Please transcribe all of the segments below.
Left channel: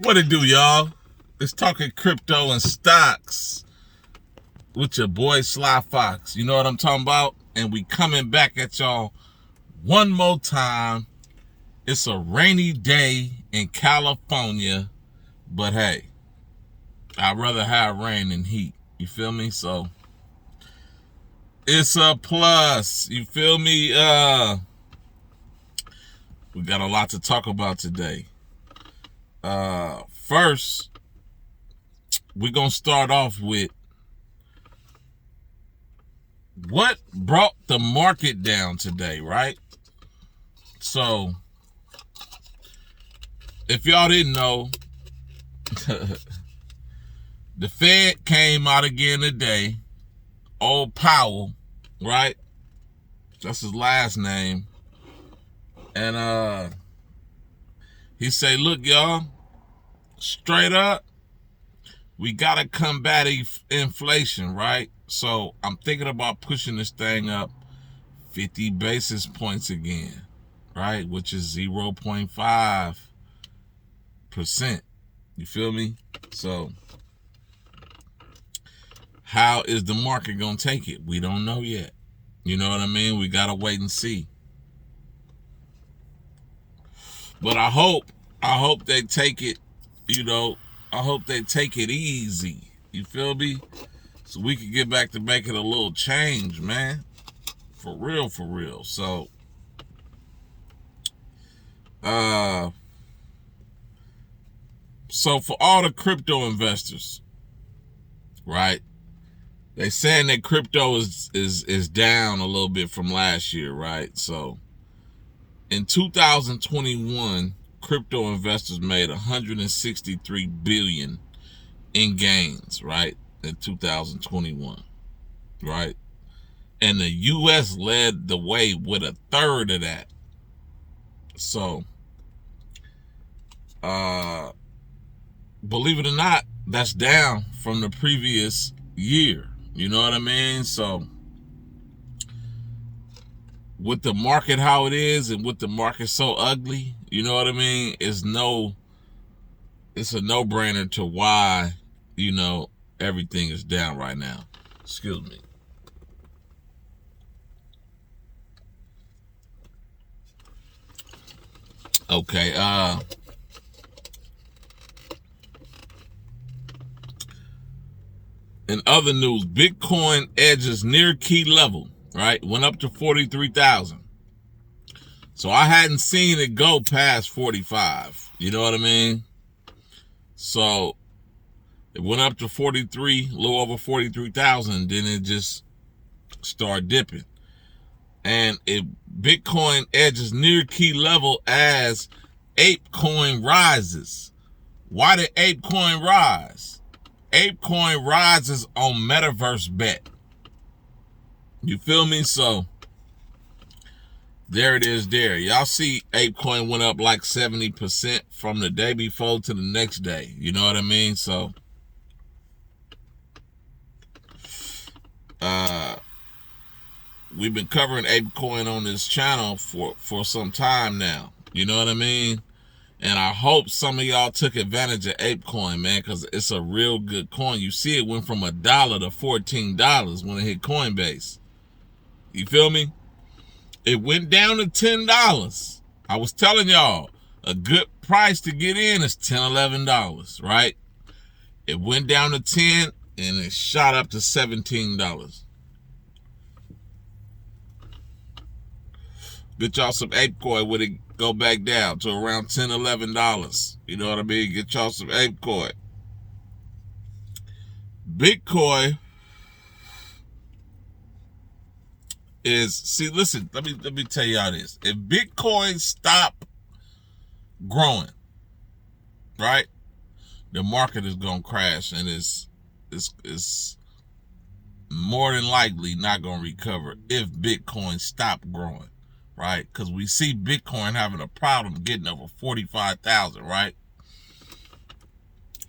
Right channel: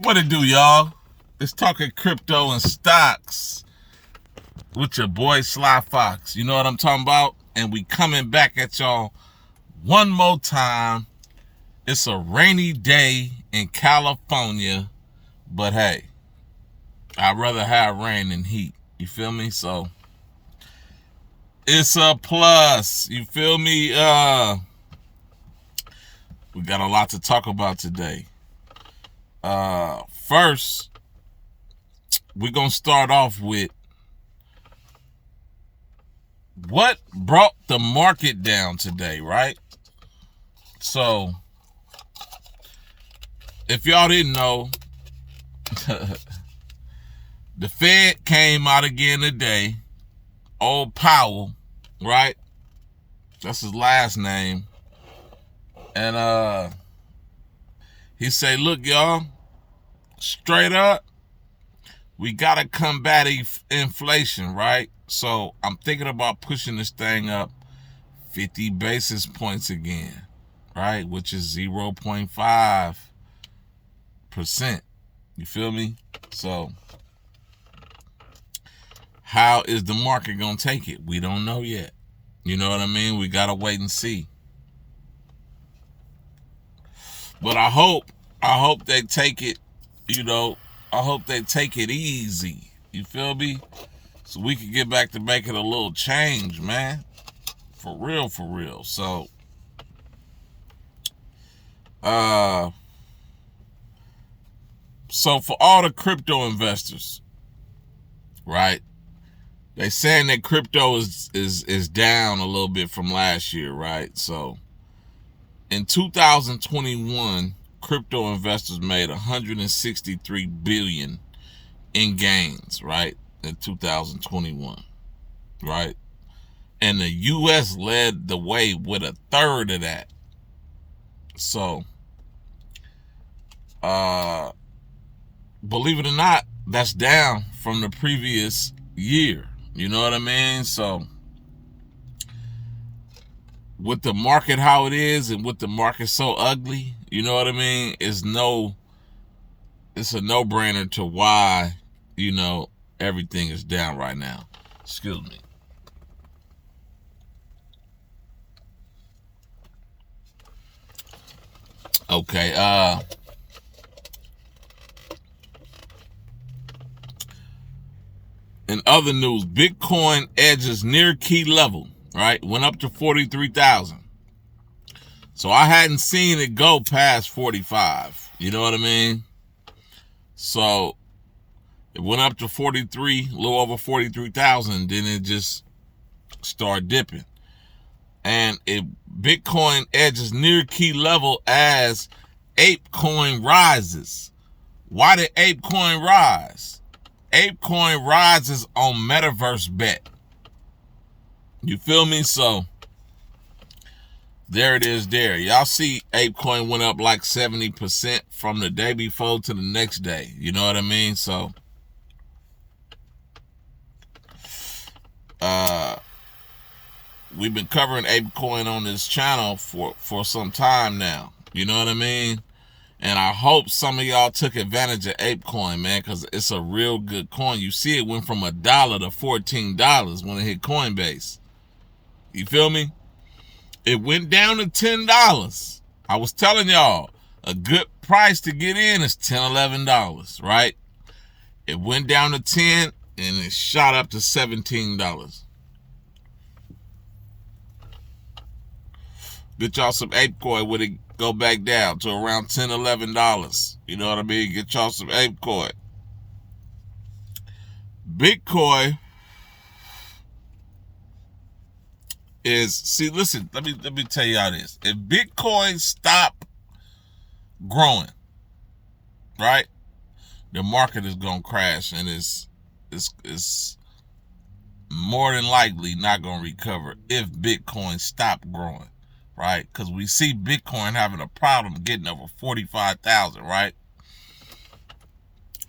What it do, y'all? It's Talkin Crypto and Stocks with your boy Sly Fox. You know what I'm talking about? And we coming back at y'all one more time. It's a rainy day in California, but hey, I'd rather have rain than heat. You feel me? So it's a plus. You feel me? We got a lot to talk about today. First, we're gonna start off with what brought the market down today, right? So, if y'all didn't know, the Fed came out again today. Old Powell, right? That's his last name. And he say, look, y'all, straight up, we gotta combat inflation, right? So I'm thinking about pushing this thing up 50 basis points again, right? Which is 0.5%. You feel me? So how is the market gonna take it? We don't know yet. You know what I mean? We gotta wait and see. But I hope they take it, I hope they take it easy. You feel me? So we can get back to making a little change, man. For real, for real. So for all the crypto investors, right? They saying that crypto is down a little bit from last year, right? So in 2021, crypto investors made 163 billion in gains, right? In 2021, right? And the US led the way with a third of that. So believe it or not, that's down from the previous year. You know what I mean? So with the market how it is and with the market so ugly, you know what I mean? It's a no-brainer to why, everything is down right now. Excuse me. Okay, in other news, Bitcoin edges near key level, right? Went up to 43,000. So I hadn't seen it go past 45. You know what I mean? So it went up to 43, a little over 43,000, then it just started dipping. And Bitcoin edges near key level as ApeCoin rises. Why did ApeCoin rise? ApeCoin rises on Metaverse Bet. You feel me? So there it is there. Y'all see ApeCoin went up like 70% from the day before to the next day. You know what I mean? So we've been covering ApeCoin on this channel for some time now. You know what I mean? And I hope some of y'all took advantage of ApeCoin, man, because it's a real good coin. You see it went from $1 to $14 when it hit Coinbase. You feel me? It went down to $10. I was telling y'all, a good price to get in is $10, $11, right? It went down to 10 and it shot up to $17. Get y'all some ApeCoin when it go back down to around $10, $11. You know what I mean? Get y'all some ApeCoin. Bitcoin listen, let me tell y'all this. If Bitcoin stop growing, right, the market is gonna crash and it's more than likely not gonna recover if Bitcoin stop growing. Right? Because we see Bitcoin having a problem getting over 45,000, right?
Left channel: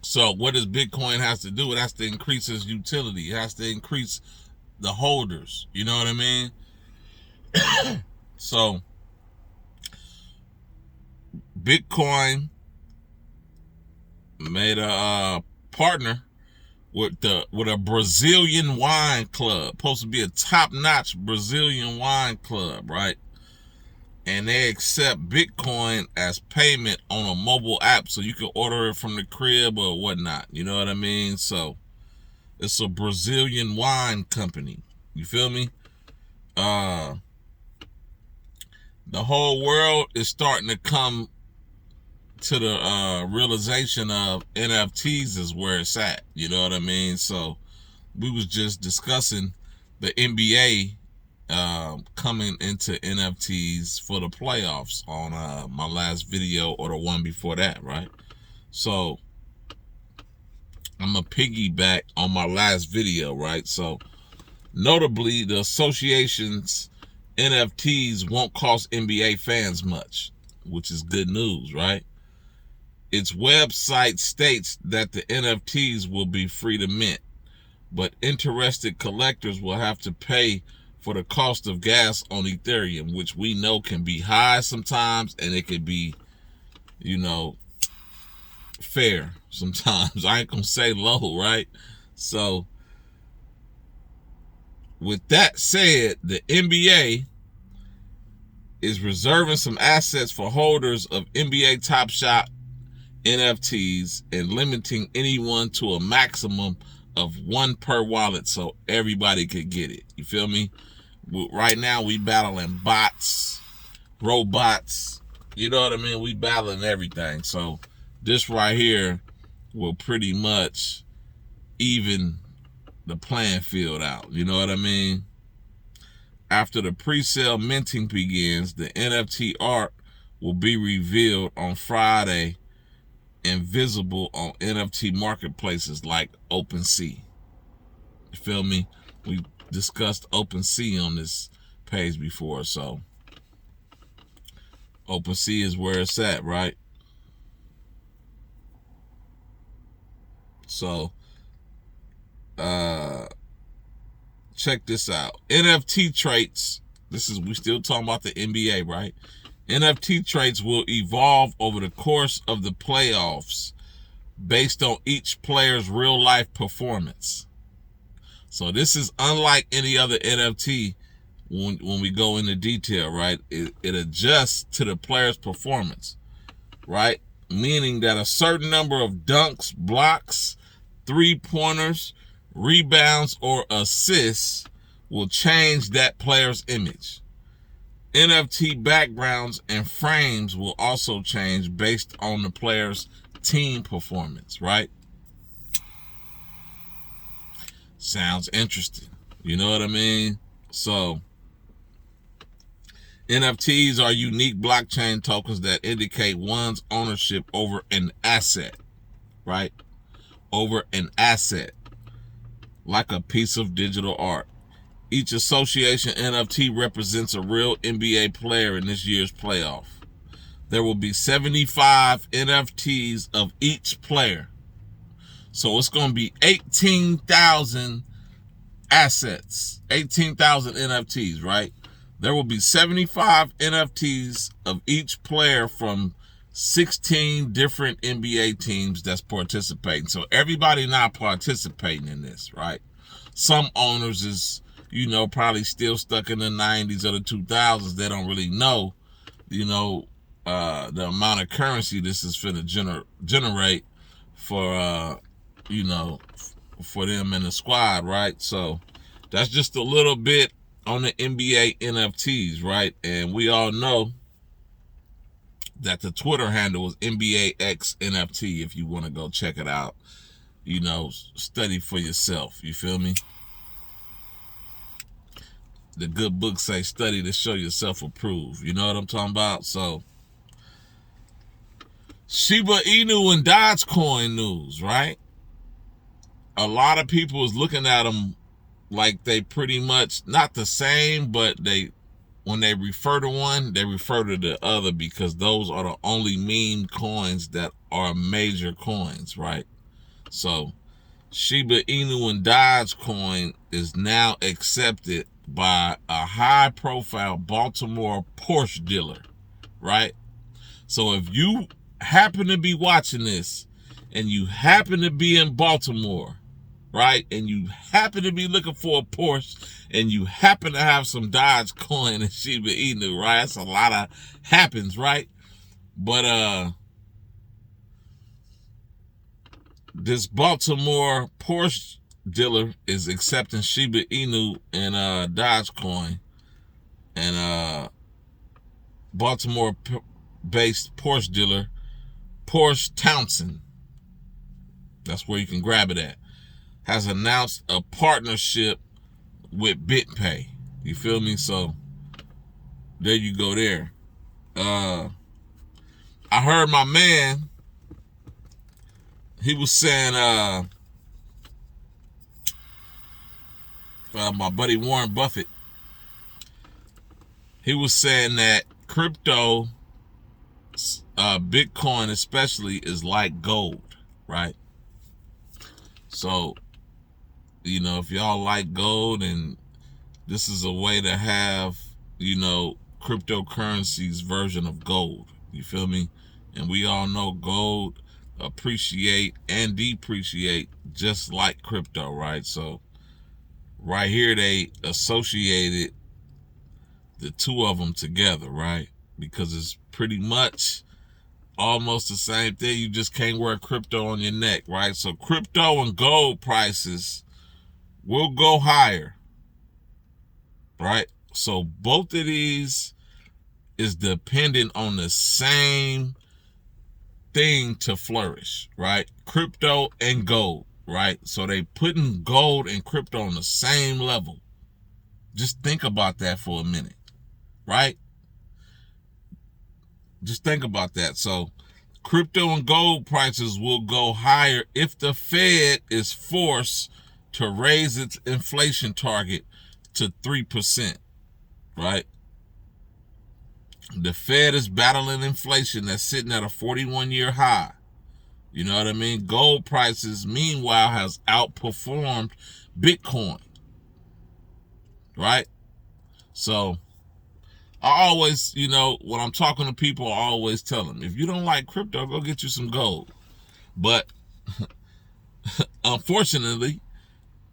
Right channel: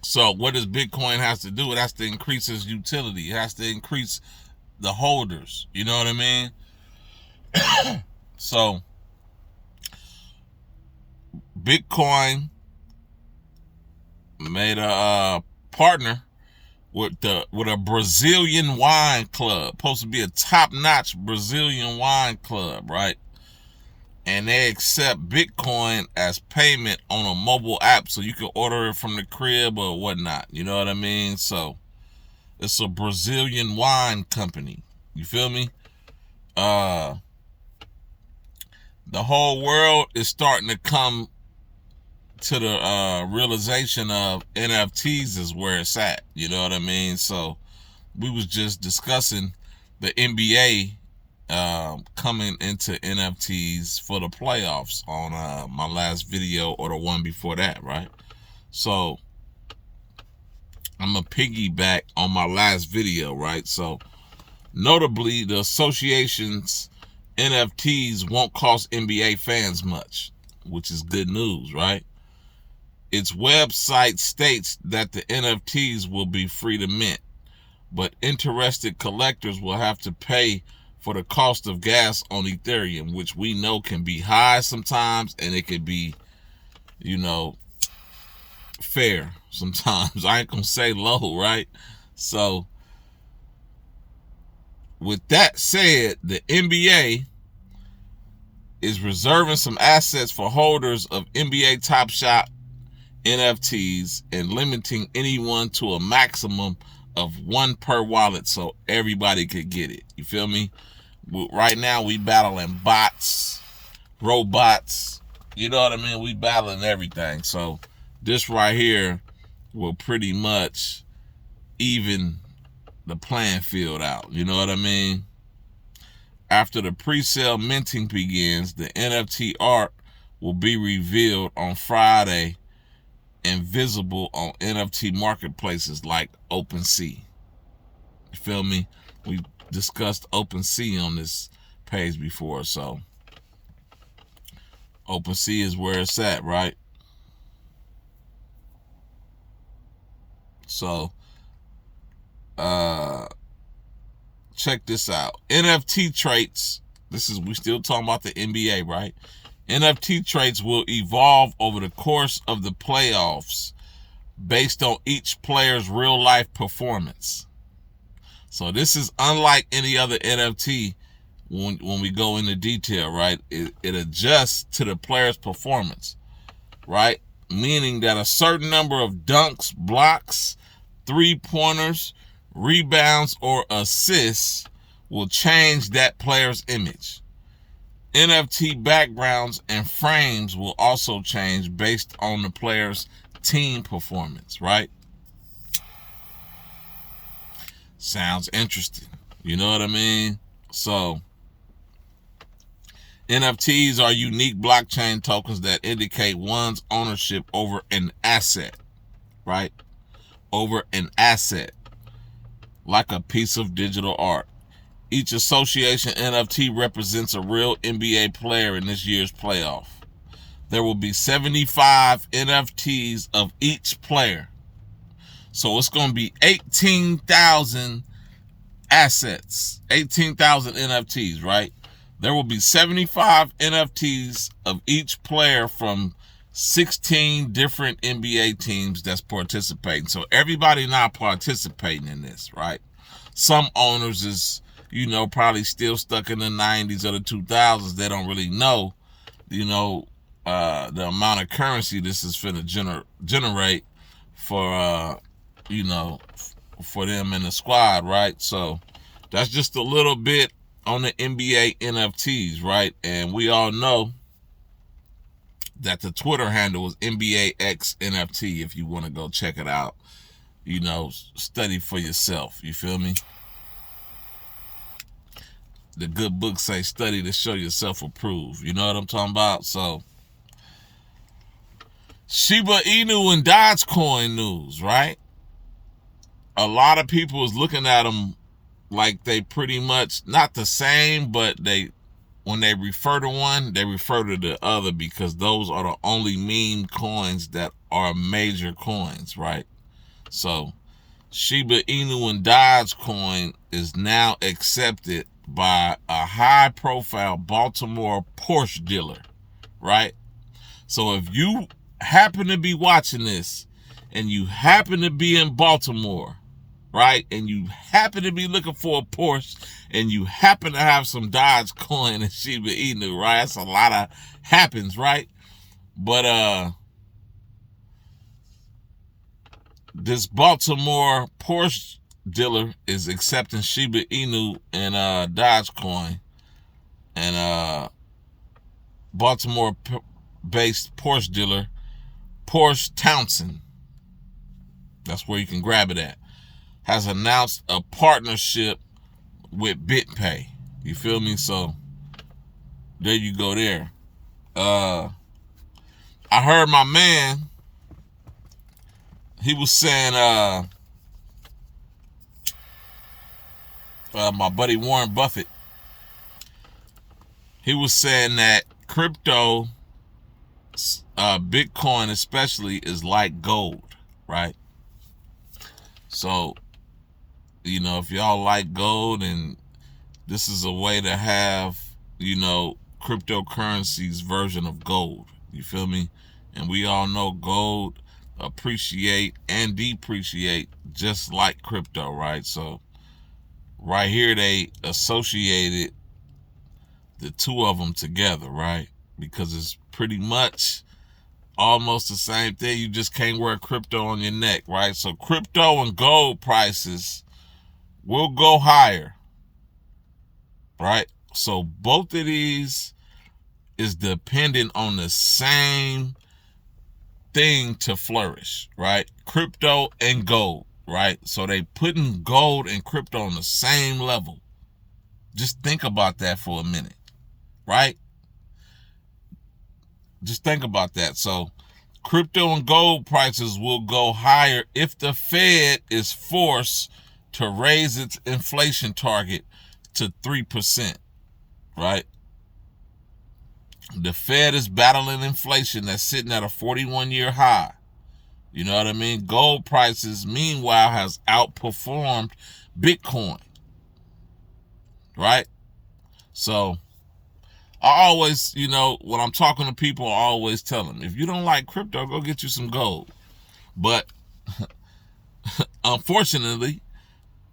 So what does Bitcoin has to do? It has to increase its utility. It has to increase the holders. You know what I mean? So Bitcoin made a partner with a Brazilian wine club, supposed to be a top-notch Brazilian wine club, right? And they accept Bitcoin as payment on a mobile app, so you can order it from the crib or whatnot. You know what I mean? So it's a Brazilian wine company. You feel me? The whole world is starting to come to the realization of NFTs is where it's at. You know what I mean? So we was just discussing the NBA coming into NFTs for the playoffs on my last video or the one before that, right? So I'm gonna piggyback on my last video, right? So notably, the association's NFTs won't cost NBA fans much, which is good news, right? Its website states that the NFTs will be free to mint, but interested collectors will have to pay for the cost of gas on Ethereum, which we know can be high sometimes, and it could be, fair sometimes. I ain't gonna say low, right? So with that said, the NBA is reserving some assets for holders of NBA Top Shot NFTs and limiting anyone to a maximum of one per wallet so everybody could get it. You feel me? Right now we battling bots, robots, you know what I mean? We battling everything. So this right here will pretty much even the playing field out. You know what I mean? After the pre-sale minting begins, the NFT art will be revealed on Friday and visible on NFT marketplaces like OpenSea. You feel me? We discussed OpenSea on this page before, so OpenSea is where it's at, right? So check this out. NFT traits, we still talking about the NBA, right? NFT traits will evolve over the course of the playoffs based on each player's real life performance. So this is unlike any other NFT when we go into detail, right? It adjusts to the player's performance, right? Meaning that a certain number of dunks, blocks, 3-pointers, rebounds, or assists will change that player's image. NFT backgrounds and frames will also change based on the player's team performance, right? Sounds interesting. You know what I mean? So NFTs are unique blockchain tokens that indicate one's ownership over an asset, right? Over an asset, like a piece of digital art. Each association NFT represents a real NBA player in this year's playoff. There will be 75 NFTs of each player. So it's going to be 18,000 assets, 18,000 NFTs, right? There will be 75 NFTs of each player from 16 different NBA teams that's participating. So everybody not participating in this, right? Some owners is, probably still stuck in the 90s or the 2000s. They don't really know, the amount of currency this is finna generate for, for them in the squad, right? So that's just a little bit on the NBA NFTs, right? And we all know that the Twitter handle is NBAX NFT if you want to go check it out. Study for yourself. You feel me? The good books say study to show yourself approved. You know what I'm talking about? So Shiba Inu and Dogecoin news, right? A lot of people is looking at them like they pretty much not the same, but when they refer to one, they refer to the other because those are the only meme coins that are major coins, right? So Shiba Inu and Dogecoin is now accepted by a high-profile Baltimore Porsche dealer, right? So if you happen to be watching this and you happen to be in Baltimore, right? And you happen to be looking for a Porsche, and you happen to have some Dogecoin and Shiba Inu, right? That's a lot of happens, right? But this Baltimore Porsche dealer is accepting Shiba Inu and Dogecoin, and Baltimore-based Porsche dealer Porsche Townsend, that's where you can grab it at, has announced a partnership with BitPay. You feel me? So there you go there. I heard my man, he was saying, my buddy Warren Buffett, he was saying that crypto, Bitcoin especially, is like gold, right? So, you know, if y'all like gold, and this is a way to have, you know, cryptocurrency's version of gold. You feel me? And we all know gold appreciate and depreciate just like crypto, right? So right here they associated the two of them together, right? Because it's pretty much almost the same thing. You just can't wear crypto on your neck, right? So crypto and gold prices will go higher, right? So both of these is dependent on the same thing to flourish, right? Crypto and gold, right? So they putting gold and crypto on the same level. Just think about that for a minute, right? Just think about that. So crypto and gold prices will go higher if the Fed is forced to raise its inflation target to 3%, right? The Fed is battling inflation that's sitting at a 41-year high. You know what I mean? Gold prices, meanwhile, has outperformed Bitcoin, right? So I always, you know, when I'm talking to people, I always tell them, if you don't like crypto, go get you some gold. But unfortunately,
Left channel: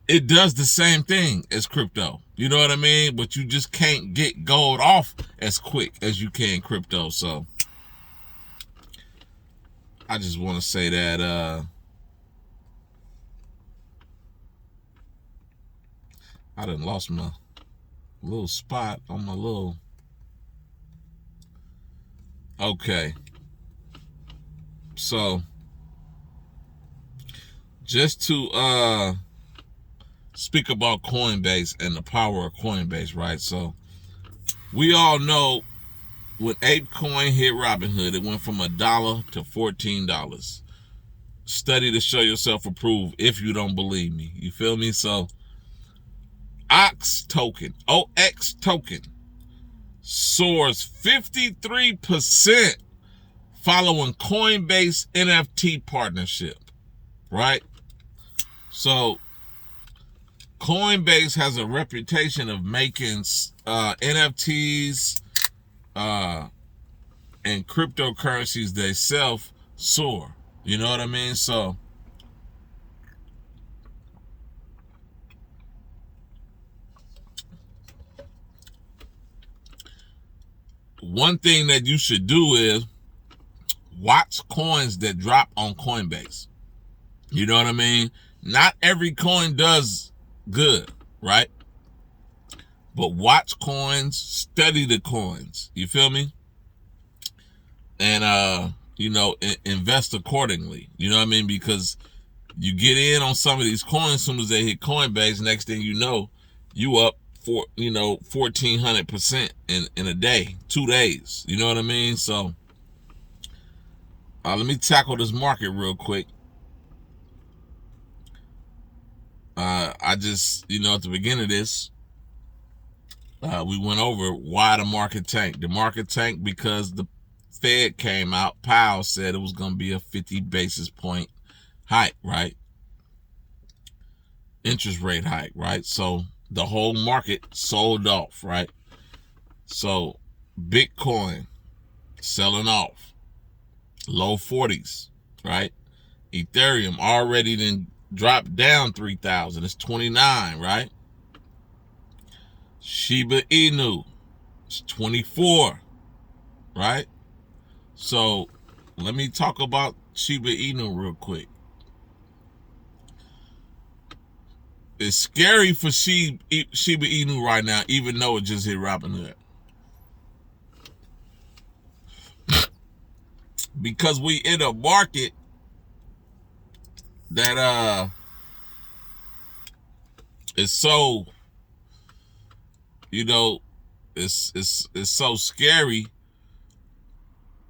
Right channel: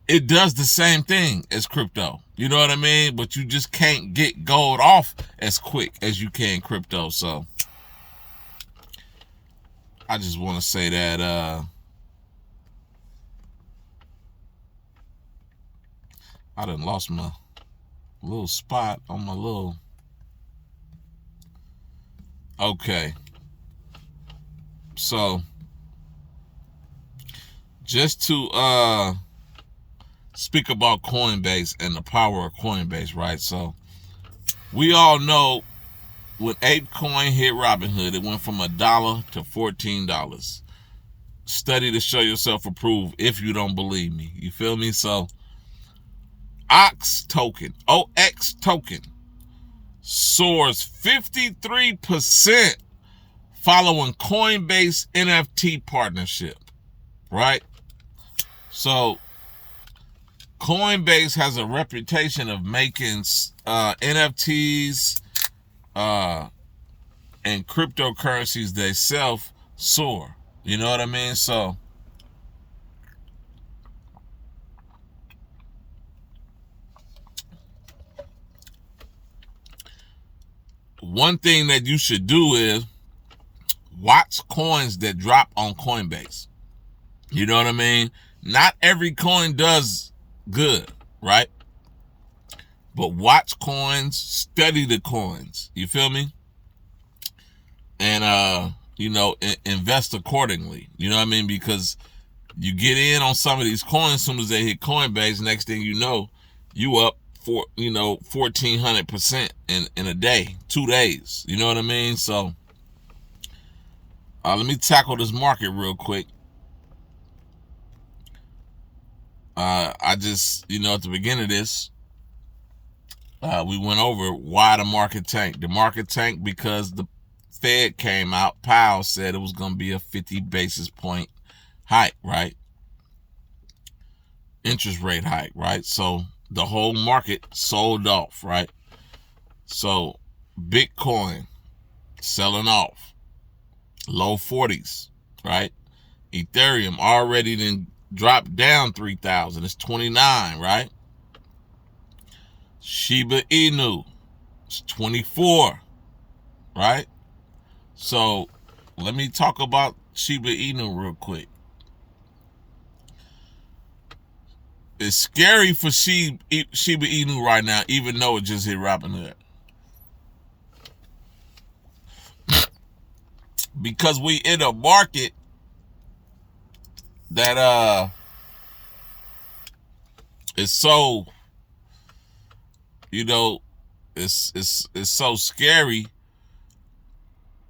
it does the same thing as crypto. You know what I mean? But you just can't get gold off as quick as you can crypto. So I just want to say that I done lost my little spot on my little... Okay. So just to speak about Coinbase and the power of Coinbase, right? So we all know when ApeCoin hit Robinhood, it went from $1 to $14. Study to show yourself approved if you don't believe me. You feel me? So OX token soars 53% following Coinbase NFT partnership, right? So Coinbase has a reputation of making NFTs and cryptocurrencies they self soar. You know what I mean? So one thing that you should do is watch coins that drop on Coinbase. You know what I mean? Not every coin does good, right? But watch coins, study the coins. You feel me? And you know, invest accordingly. You know what I mean? Because you get in on some of these coins, as soon as they hit Coinbase, next thing you know, you up for 1,400% in a day, 2 days. You know what I mean? So let me tackle this market real quick. I just, at the beginning of this, we went over why the market tanked. The market tanked because the Fed came out. Powell said it was going to be a 50 basis point hike, right? Interest rate hike, right? So the whole market sold off, right? So Bitcoin selling off, low 40s, right? Ethereum already then dropped down 3,000. It's 29, right? Shiba Inu, it's 24, right? So let me talk about Shiba Inu real quick. It's scary for Shiba Inu right now, even though it just hit Robinhood. Because we in a market that is so, it's so scary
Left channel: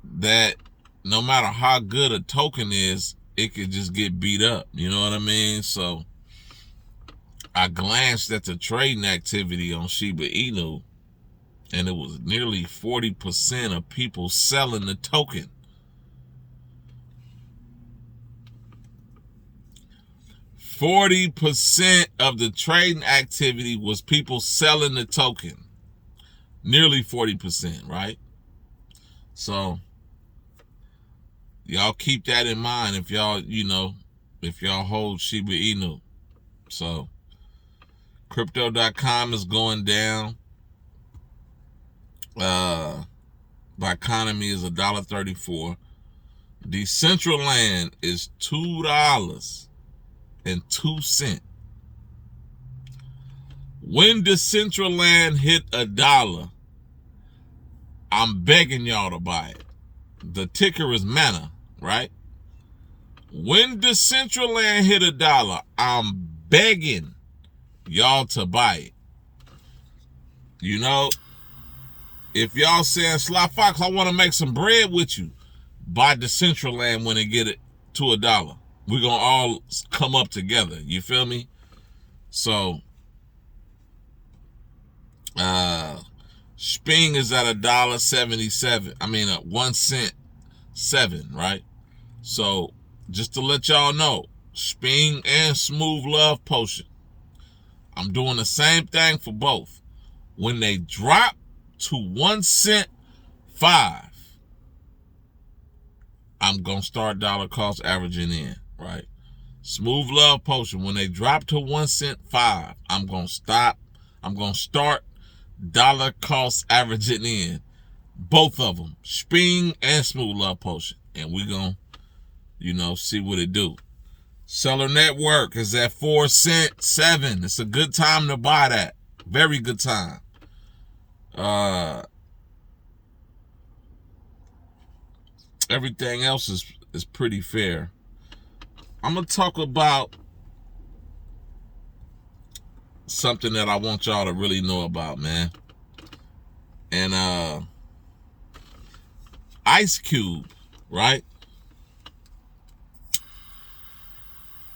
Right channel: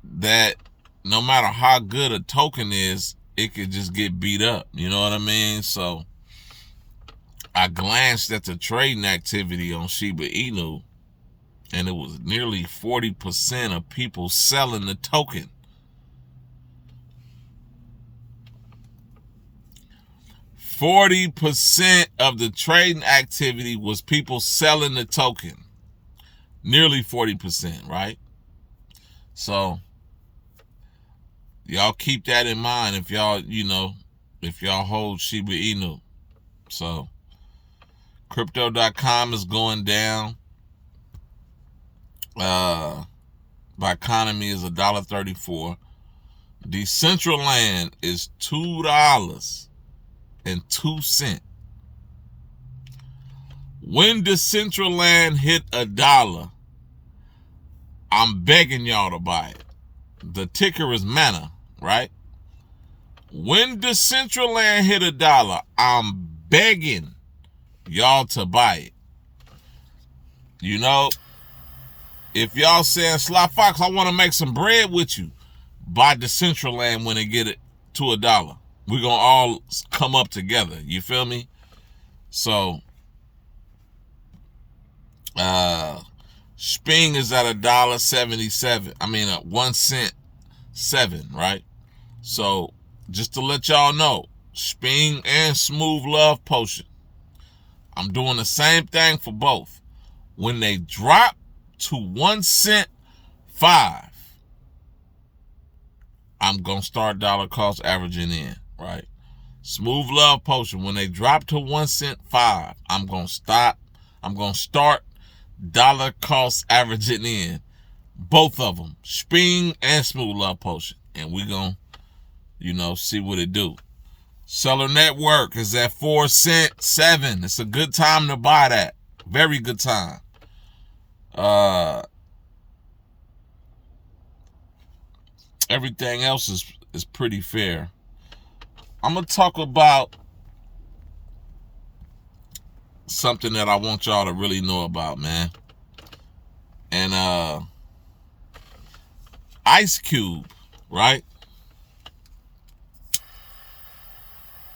that no matter how good a token is, it could just get beat up. You know what I mean? So I glanced at the trading activity on Shiba Inu, and it was nearly 40% of people selling the token. 40% of the trading activity was people selling the token. Nearly 40%, right? So y'all keep that in mind if y'all, if y'all hold Shiba Inu. So crypto.com is going down. Economy is $1.34. Decentraland is $2.02. When Decentraland hit $1, I'm begging y'all to buy it. The ticker is Mana, right? When Decentraland hit $1, I'm begging y'all to buy it. If y'all saying, Sly Fox, I want to make some bread with you, buy Decentraland when they get it to $1. We're going to all come up together. You feel me? So, Sping is at $1.77. I mean, 1 cent 7, right? So, just to let y'all know, Sping and Smooth Love Potion, I'm doing the same thing for both. When they drop to 1 cent 5, I'm going to start dollar cost averaging in, right? Smooth Love Potion, when they drop to 1 cent 5, I'm going to start dollar cost averaging in. Both of them, Sping and Smooth Love Potion. And we're going to, see what it do. Seller Network is at 4 cent 7. It's a good time to buy that. Very good time. Everything else is pretty fair. I'm going to talk about something that I want y'all to really know about, man. And Ice Cube, right?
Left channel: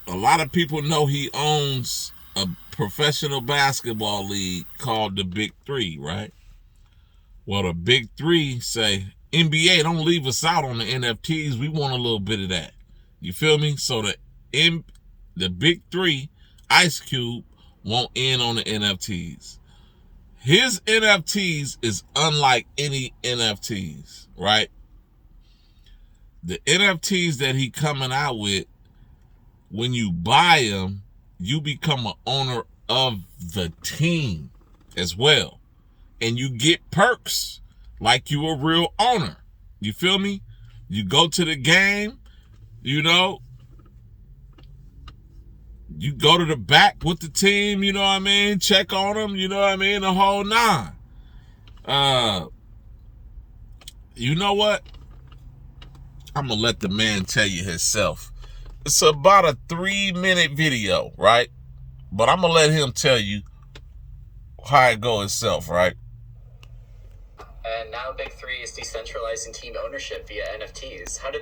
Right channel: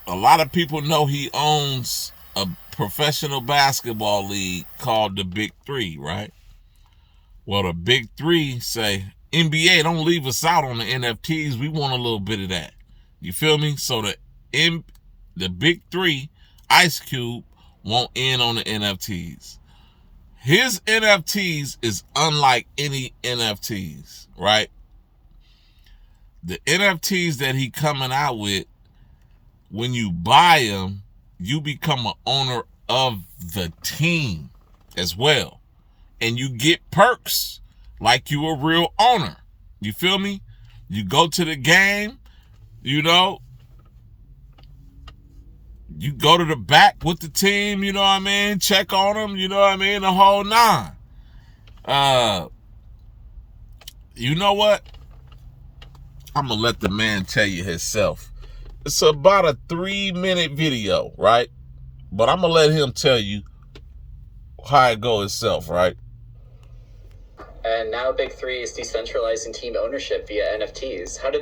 A lot of people know he owns a professional basketball league called the Big Three, right? Well, the Big Three say, NBA, don't leave us out on the NFTs. We want a little bit of that. You feel me? So the Big Three, Ice Cube, won't in on the NFTs. His NFTs is unlike any NFTs, right? The NFTs that he coming out with, when you buy them, you become an owner of the team as well. And you get perks like you a real owner. You feel me? You go to the game, you go to the back with the team, you know what I mean? Check on them, you know what I mean? The whole 9. You know what? I'm going to let the man tell you himself. It's about a 3-minute video, right? But I'm going to let him tell you how it go itself, right? And now Big Three is decentralizing team ownership via NFTs. How did